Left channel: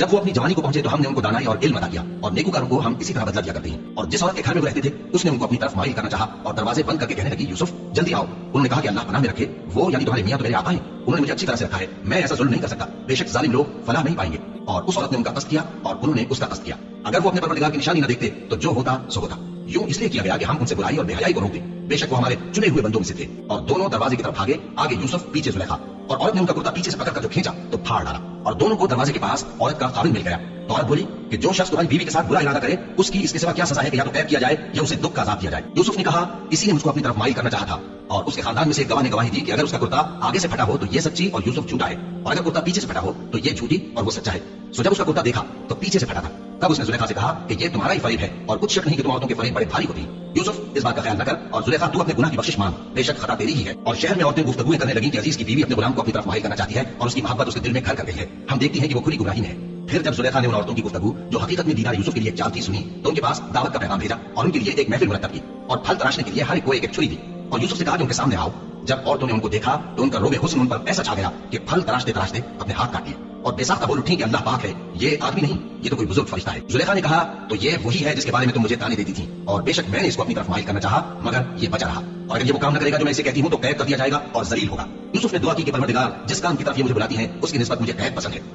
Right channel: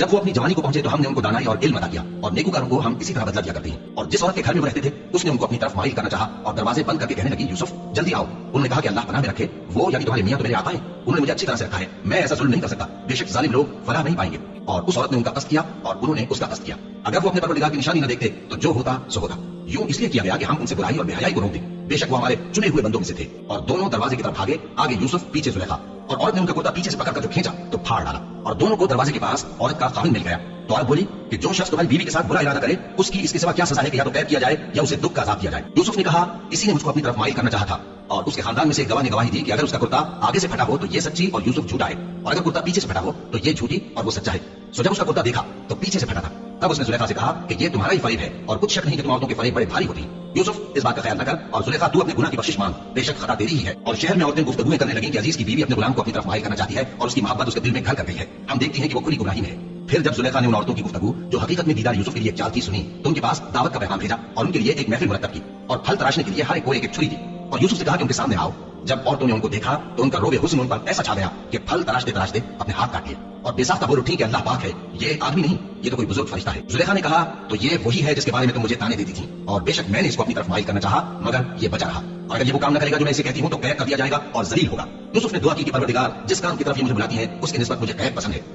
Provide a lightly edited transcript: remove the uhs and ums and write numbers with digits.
जब वो अपनी जवानी को पहुंचे तो हमने उनको दानाई और इल्म अता किया और नेकूकारों को हम इसी तरह बदला दिया करते हैं। और जिस औरत के घर में वो रहते थे उसने उनको अपनी तरफ माइल करना चाहा और दरवाजे बंद करके कहने लगी, यूसुफ जल्दी आओ। उन्होंने कहा कि अल्लाह पनाह में रखे, वो यानी तुम्हारे मियां तो मेरे आका हैं, उन्होंने मुझे अच्छी तरह से रखा है, मैं ऐसा जुल्म नहीं कर सकता, बेशक जालिम लोग फलाह नहीं पाएंगे। और उस औरत ने उनका कष्ट किया और उन्होंने उसका कष्ट किया। अगर वो अपने परवरदिगार की निशानी न देखते तो जो होता सो होता। यूं इसलिए किया गया कि हम उनसे बुराई और बेहयाई को रोक दें, बेशक वो हमारे चुने हुए बंदों में से थे। और दोनों दरवाजे की तरफ भागे, आगे यूसुफ पीछे जुलेखा। और औरत ने उनका कुर्ता पीछे से पकड़कर जो खींचा तो फाड़ डाला और दोनों को दरवाजे के पास औरत का खाविंद मिल गया। तो औरत बोली कि जो शख्स तुम्हारी बीवी के साथ बुरा इरादा करे उसकी इसके सिवा क्या सजा है कि या तो कैद किया जाए या उसे दुख का अज़ाब दिया जाए। यूसुफ ने कहा, इसी ने मुझको अपनी तरफ माइल करना चाहा था। और उसके खानदान में से एक गवाह ने गवाही दी कि अगर उसका कुर्ता आगे से फटा हो तो ये सच्ची और यूसुफ झूठा है, और अगर कुर्ता पीछे से फटा हो तो ये झूठी और वो सच्चा है। सो जब उसका कुर्ता देखा तो पीछे से फटा था। तब उसने जुलेखा से कहा कि ये तुम्हारा ही फरेब है और कुछ शक नहीं कि तुम औरतों के फरेब बड़े भारी होती हैं। यूसुफ इस बात का ख्याल न कर और जुलेखा तू अपने गुनाह की बख्शिश मांग, बेशक खता तेरी ही है। और शहर में औरतें गुफ्तगूएं करने लगी कि अजीज की बीवी अपने गुलाम को अपनी तरफ माइल करना चाहती है और उसकी मोहब्बत उसके दिल में घर कर गई है, हम देखती हैं कि वो खुली गुमराही में है। फिर जब जुलेखा ने उन औरतों की गुफ्तगू जो हकीकत में दीदार यूसुफ के लिए चाल थी सुनी तो उनके पास दावत का पैगाम भेजा और उनके लिए एक महफिल मुरत्तब की और फल तराशने के लिए हर एक को एक छुरी दी। और यूसुफ से कहा कि उनके सामने आओ। जब औरतों ने उनको देखा तो उनका रोबे हुस्न उन पर ऐसा छा गया कि फल तराशते तराशते अपने हाथ काट लिए और बेसाख्ता बोल उठी कि अल्लाह पाक है, ये आदमी नहीं, ये तो कोई बुजुर्ग फरिश्ता है। जुलेखा ने कहा, तो ये वही है जिसके बारे में तुम मुझे ताने देती थी, और बेशक मैंने इसको अपनी तरफ माइल करना चाहा मगर ये बचा रहा, और अगर ये वो काम न करेगा जो मैं इसे कहती हूँ तो कैद कर दिया जाएगा और जलील होगा। यूसुफ ने दुआ की कि परवरदिगार जिस काम की तरफ ये मुझे बुलाती है उसकी निस्बत मुझे कैद पसंद है।